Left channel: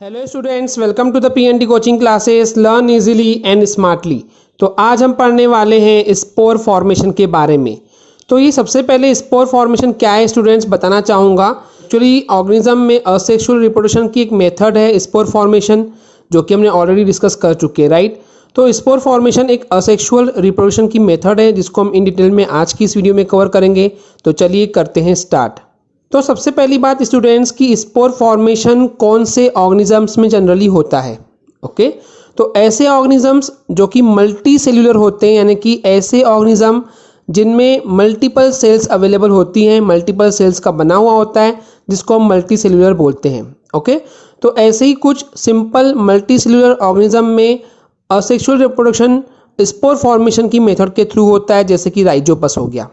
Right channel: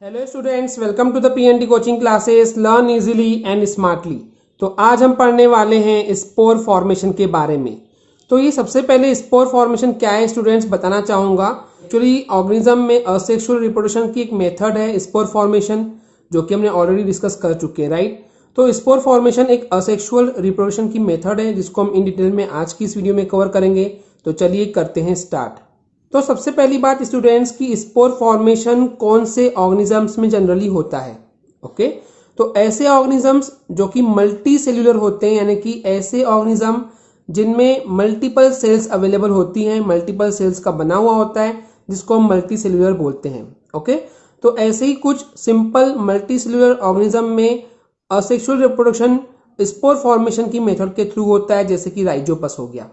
Hello students, welcome to the PND coaching classes learn easily and smartly. तो आज हम पढ़ने वाले हैं स्पोर फॉर्मेशन के बारे में। तो ये सबसे पहले स्पोर फॉर्मेशन क्या है स्टूडेंट्स बताना चाहूँगा। एक्चुअली ऑर्गेनिज्म में असेक्सुअल रिप्रोडक्शन की एक मेथड है स्पोर फॉर्मेशन, जो कि हमने ऑलरेडी डिस्कस कर चुके हैं, राइट। तो स्पोर फॉर्मेशन एक असेक्सुअल रिप्रोडक्शन की मेथड है जिसको हम इन डिटेल में आज की इस वीडियो में कवर करेंगे। तो चलिए करते हैं स्टार्ट। तो सबसे पहली बात स्टूडेंट्स की स्पोर फॉर्मेशन कौन से ऑर्गेनिजम्स में जनरली होता है। ओके, तो ऐसे ऑर्गेनिजम्स जो कि मल्टी सेल्यूलर होते हैं, यानी कि ऐसे ऑर्गेनिज्म जिनमें मल्टीपल सेल्स अवेलेबल होती हैं, मल्टीपल सेल्स का बना हुआ होता है, जिसको हम मल्टी सेल्यूलर बोलते हैं। ओके, तो ऐसे ही कुछ सिंपल मल्टी सेल्यूलर ऑर्गेनिज्म में असेक्सुअल रिप्रोडक्शन स्पोर फॉर्मेशन की मेथड के थ्रू होता है, जैसे कि राइजोपस हो गया।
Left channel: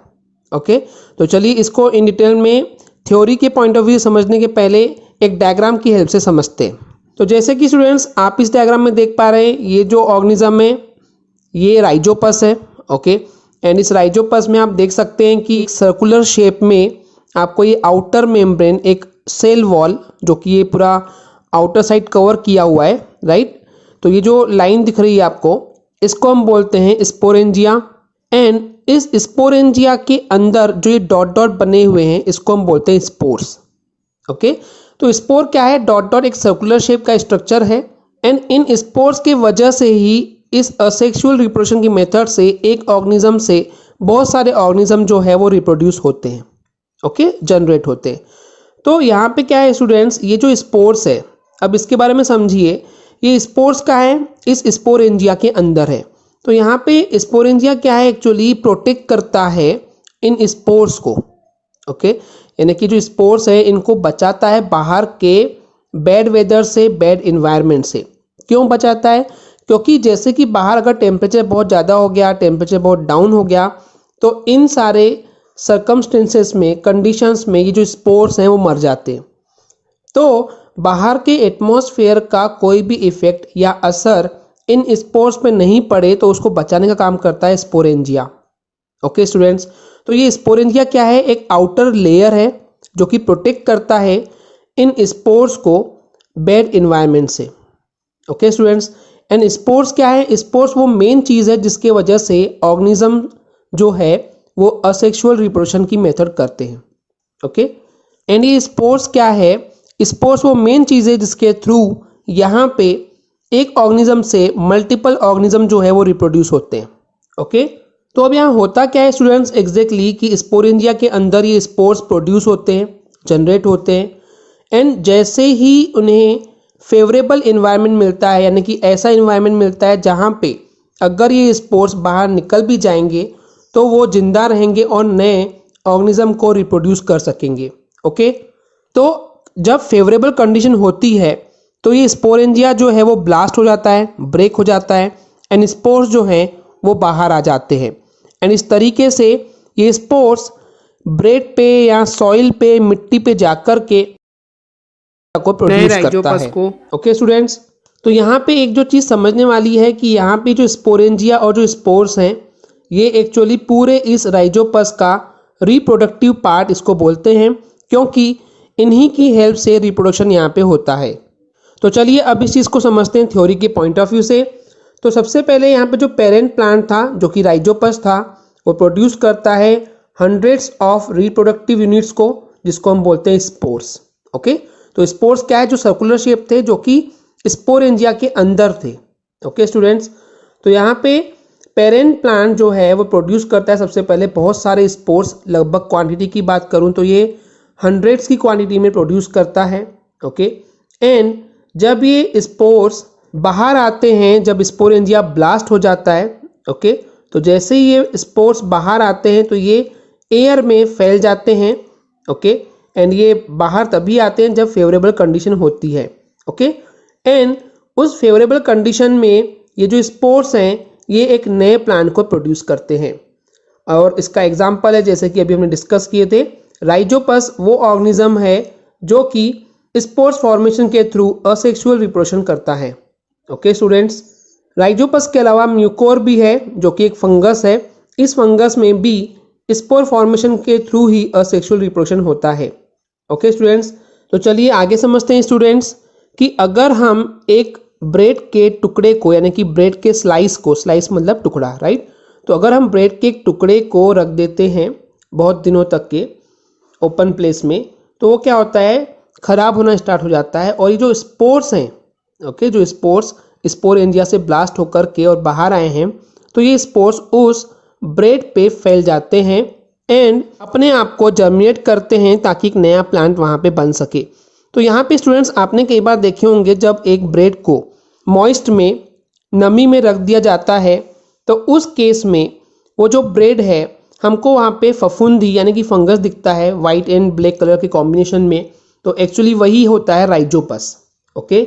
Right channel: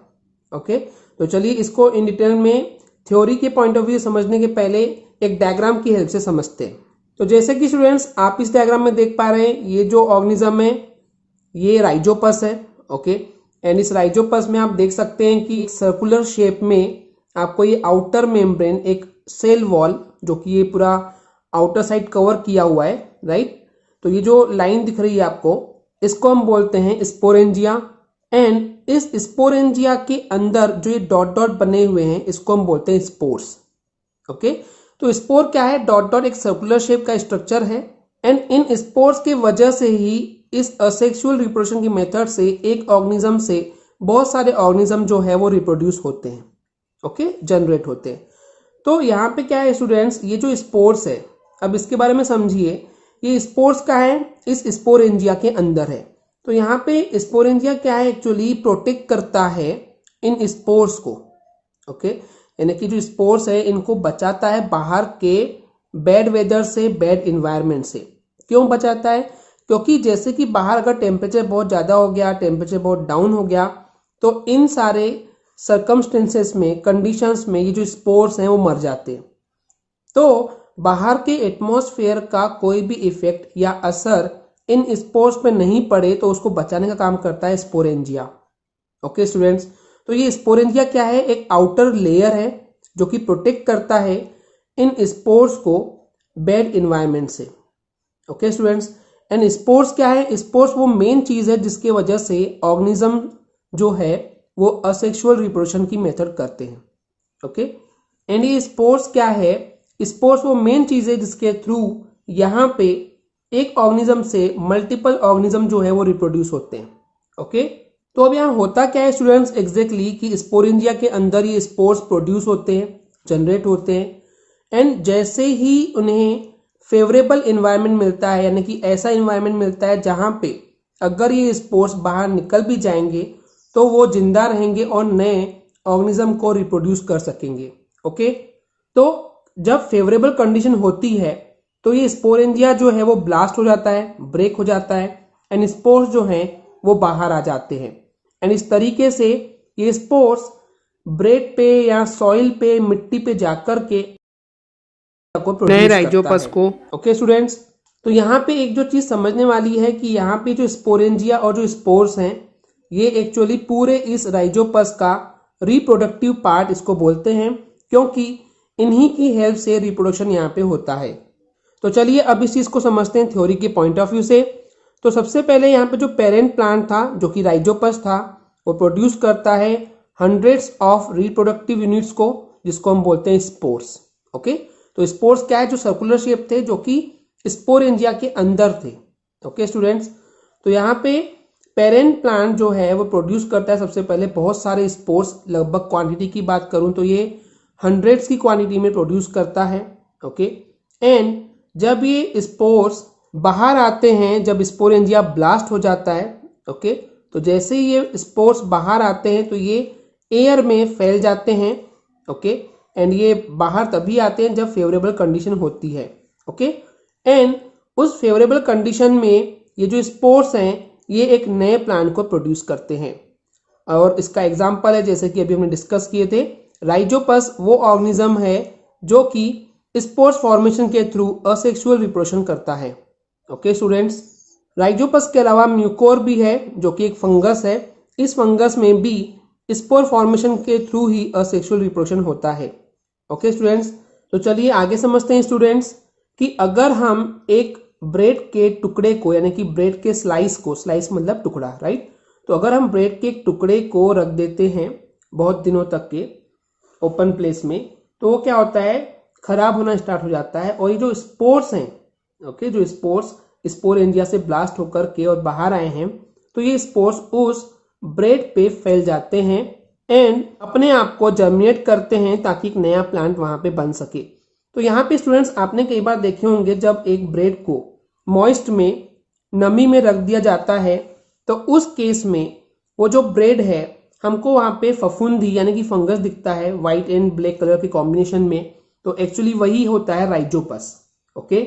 ओके, तो चलिए इसको इन डिटेल में थ्योरी के पॉइंट ऑफ व्यू समझने के पहले एक डायग्राम की हेल्प से समझते हैं। तो जैसे कि स्टूडेंट्स आप इस डायग्राम में देख पा रहे हैं, ये जो ऑर्गेनिज्म है ये राइजोपस है। ओके, एंड इस राइजोपस में आप देख सकते हैं कि सर्कुलर शेप में आपको ये आउटर मेम्ब्रेन, एक सेल वॉल, जो कि ये पूरा आउटर साइड कवर किया हुआ है, राइट। तो ये जो लाइन दिख रही है आपको, इसको हम बोलते हैं स्पोरेंजिया। एंड इस स्पोरेंजिया के अंदर जो ये डॉट डॉट बने हुए हैं, इसको हम बोलते हैं स्पोर्स। ओके, तो स्पोर क्या है? डॉट डॉट एक सर्कुलर शेप का स्ट्रक्चर है। एंड इन स्पोर्स के वजह से ही इस असेक्सुअल रिप्रोडक्शन की मेथड से एक ऑर्गेनिज्म से बहुत सारे ऑर्गेनिज्म जो है वो रिप्रोड्यूस होते हैं। ओके, जनरेट होते हैं। तो यहाँ पे क्या है स्टूडेंट्स, ये जो स्पोर्स है, अब इसके बारे में समझिए। ये स्पोर्स का है, इस स्पोरेंजिया के अंदर है। तो यहाँ पे स्पोरेंजिया क्या है, एक्चुअली प्रोटेक्ट करता है इन स्पोर्स को। ओके, यानी कि जो स्पोर्स है इनको बचाता है बाहर के बैड वेदर से, बैड इन्वायरमेंट से। क्यों बचाता है? क्योंकि जैसे कि बाहर अगर टेम्परेचर बहुत ज़्यादा हो गया, टेम्परेचर बहुत डाउन हो गया, तो इन सारे सर्कमस्टेंसेस में, कंडीशंस में ये जो स्पोर्स हैं वो मर जाते हैं। तो बाहर के एटमॉस्फेयर का कोई भी इफेक्ट या असर इन स्पोर्स पे नहीं पड़े, तो उसको बचाने का काम करता है स्पोरेंजिया। ओके स्टूडेंट्स, तो ये स्पोरेंजिया क्या है? एक आउटर लेयर है जो कि प्रोटेक्ट करता है इन स्पोर्स को बैड इन्वायरमेंट से। ओके स्टूडेंट्स, एंड स्पोर्स क्या है? स्पोर्स वो मेन चीज़ है जिसके वजह से ऑर्गेनिज्म जो है वो असेक्सुअल रिप्रोडक्शन की मेथड करते हैं। ओके, एंड ये स्पोर्स क्या है? स्पोर्स वो मेन चीज़ है जिसके थ्रू यहाँ पे एक ऑर्गेनिज्म से मल्टीपल ऑर्गेनिज्म जो है वो रिप्रोड्यूस होते हैं। ओके, तो अब यहाँ होता क्या है स्टूडेंट्स एग्जैक्टली कि स्पोरेंजिया के अंदर ये स्पोर्स प्रोड्यूस होते हैं, जनरेट होते हैं। एंड जैसे ही उन्हें फेवरेबल इन्वायरमेंट मिलता है, यानी कि ऐसा इन्वायरमेंट मिलता है जहाँ पे अगर ये स्पोर्स बाहर निकल भी जाएंगे तो वो जिंदा रहेंगे और नए ऑर्गेनिज्म को रिप्रोड्यूस कर सकेंगे। ओके, तो जब फेवरेबल कंडीशन होती है तो ये स्पोरेंजिया जो है वो ब्लास्ट हो जाता है, ब्रेक हो जाता है, एंड स्पोर्स जो हैं वो बाहर आ जाते हैं। एंड इस तरीके से ये स्पोर्स ब्रेड पे या सॉइल पे, मिट्टी पे जाकर के को प्रोड्यूस करता है। ओके स्टूडेंट्स, तो यहाँ पे एक जो चीज़ समझने वाली है कि यहाँ पे जो स्पोरेंजिया और जो स्पोर्स हैं, ये एक्चुअली पूरे इस राइजोपस का रिप्रोडक्टिव पार्ट इसको बोलते हैं, क्योंकि इन्हीं की हेल्प से रिप्रोडक्शन यहाँ पे होता है। तो चलिए अब इस चीज़ को समझते हैं थ्योरी के पॉइंट ऑफ व्यू से। तो सबसे पहले यहाँ पे जो पेरेंट प्लांट था, जो कि राइजोपस था, वो प्रोड्यूस करता है हंड्रेड्स ऑफ रिप्रोडक्टिव यूनिट्स को, जिसको हम बोलते हैं स्पोर्स। ओके, तो स्पोर्स क्या है? जो सर्कुलर शेप थे, जो कि स्पोरेंजिया के अंदर थे। ओके स्टूडेंट्स, तो यहाँ पे पेरेंट प्लांट जो है वो प्रोड्यूस करता है सबसे पहले बहुत सारे स्पोर्स। लगभग क्वांटिटी की बात करूँ तो ये हंड्रेड्स की क्वांटिटी में प्रोड्यूस करता है। ओके, एंड जब ये स्पोर्स बाहर आते हैं, जब स्पोरेंजिया ब्लास्ट हो जाता है, ओके, तो जैसे ही ये स्पोर्स बाहर आते हैं तो ये एयर में फैल जाते हैं। ओके, एंड ये बाहर तभी आते हैं जब फेवरेबल कंडीशन होती है। ओके, एंड उस फेवरेबल कंडीशन में ये जो स्पोर्स हैं ये एक नए प्लांट को प्रोड्यूस करते हैं। और इसका एग्जाम्पल है, जैसे कि अभी हमने डिस्कस किए थे, राइजोपस वो ऑर्गेनिज्म है जो कि स्पोर्स फॉर्मेशन के थ्रू असेक्सुअल रिप्रोडक्शन करता है। ओके स्टूडेंट्स, राइजोपस के अलावा म्यूकोर भी है जो कि एक फंगस है। इस फंगस में भी स्पोर फॉर्मेशन के थ्रू ही असेक्सुअल रिप्रोडक्शन होता है। ओके स्टूडेंट्स, तो चलिए आगे समझते हैं स्टूडेंट्स कि अगर हम एक ब्रेड के टुकड़े को यानी कि ब्रेड के स्लाइस मतलब टुकड़ा, राइट, तो अगर हम ब्रेड के एक टुकड़े को रख देते हैं बहुत दिनों तक के ओपन प्लेस में, तो वो क्या होता है, खराब होना स्टार्ट हो जाता है। और ये जो स्पोर्स हैं, ओके, जो स्पोर एंजिया से ब्लास्ट होकर के और बाहर आए हैं, तो ये स्पोर्स उस ब्रेड पे फैल जाते हैं एंड अपने आप को जर्मिनेट करते हैं ताकि एक नया प्लांट वहाँ पे बन सके। तो यहाँ पे स्टूडेंट्स आपने कई बार देखे होंगे जब एक ब्रेड को मॉइस्ट में, नमी में रख दिया जाता है, तो उस केस में वो जो ब्रेड है हमको वहाँ पे फफूंदी यानी कि फंगस दिखता है वाइट एंड ब्लैक कलर के कॉम्बिनेशन में, तो एक्चुअली वही होता है राइजोपस, ओके।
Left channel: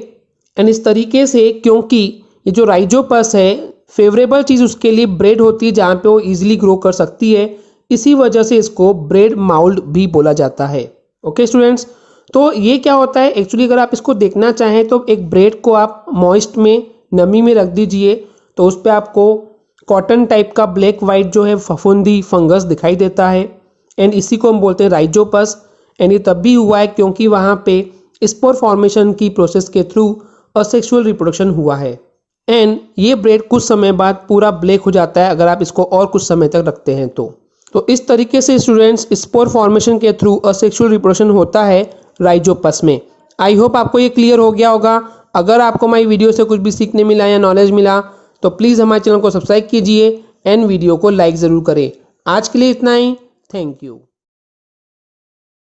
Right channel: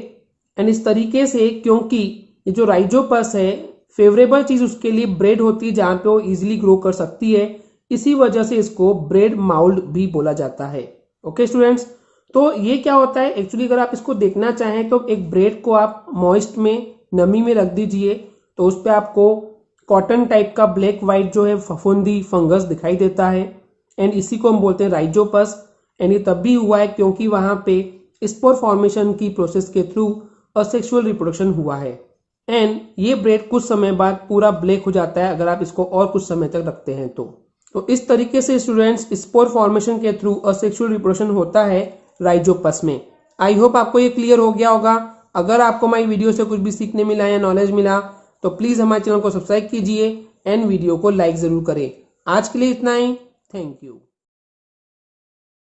एंड इस तरीके से, क्योंकि ये जो राइजोपस है फेवरेबल चीज़ उसके लिए ब्रेड होती है जहाँ पे वो ईजिली ग्रो कर सकती है, इसी वजह से इसको ब्रेड माउल्ड भी बोला जाता है, ओके स्टूडेंट्स। तो ये क्या होता है एक्चुअली, अगर आप इसको देखना चाहें तो एक ब्रेड को आप मॉइस्ट में, नमी में रख दीजिए, तो उस पर आपको कॉटन टाइप का ब्लैक वाइट जो है फफूंदी फंगस दिखाई देता है एंड इसी को हम बोलते हैं राइजोपस। एंड ये तब भी हुआ है क्योंकि वहाँ पे स्पोर फॉर्मेशन की प्रोसेस के थ्रू असेक्सुअल रिप्रोडक्शन हुआ है एंड ये ब्रेड कुछ समय बाद पूरा ब्लैक हो जाता है अगर आप इसको और कुछ समय तक रखते हैं तो इस तरीके से स्टूडेंट्स स्पोर फॉर्मेशन के थ्रू असेक्सुअल रिप्रोडक्शन होता है राइजोपस में। आई होप आपको ये क्लियर हो गया होगा। अगर आपको हमारी वीडियो से कुछ भी सीखने मिला या नॉलेज मिला तो प्लीज़ हमारे चैनल को सब्सक्राइब कीजिए एंड वीडियो को लाइक ज़रूर करें। आज के लिए इतना ही, थैंक यू।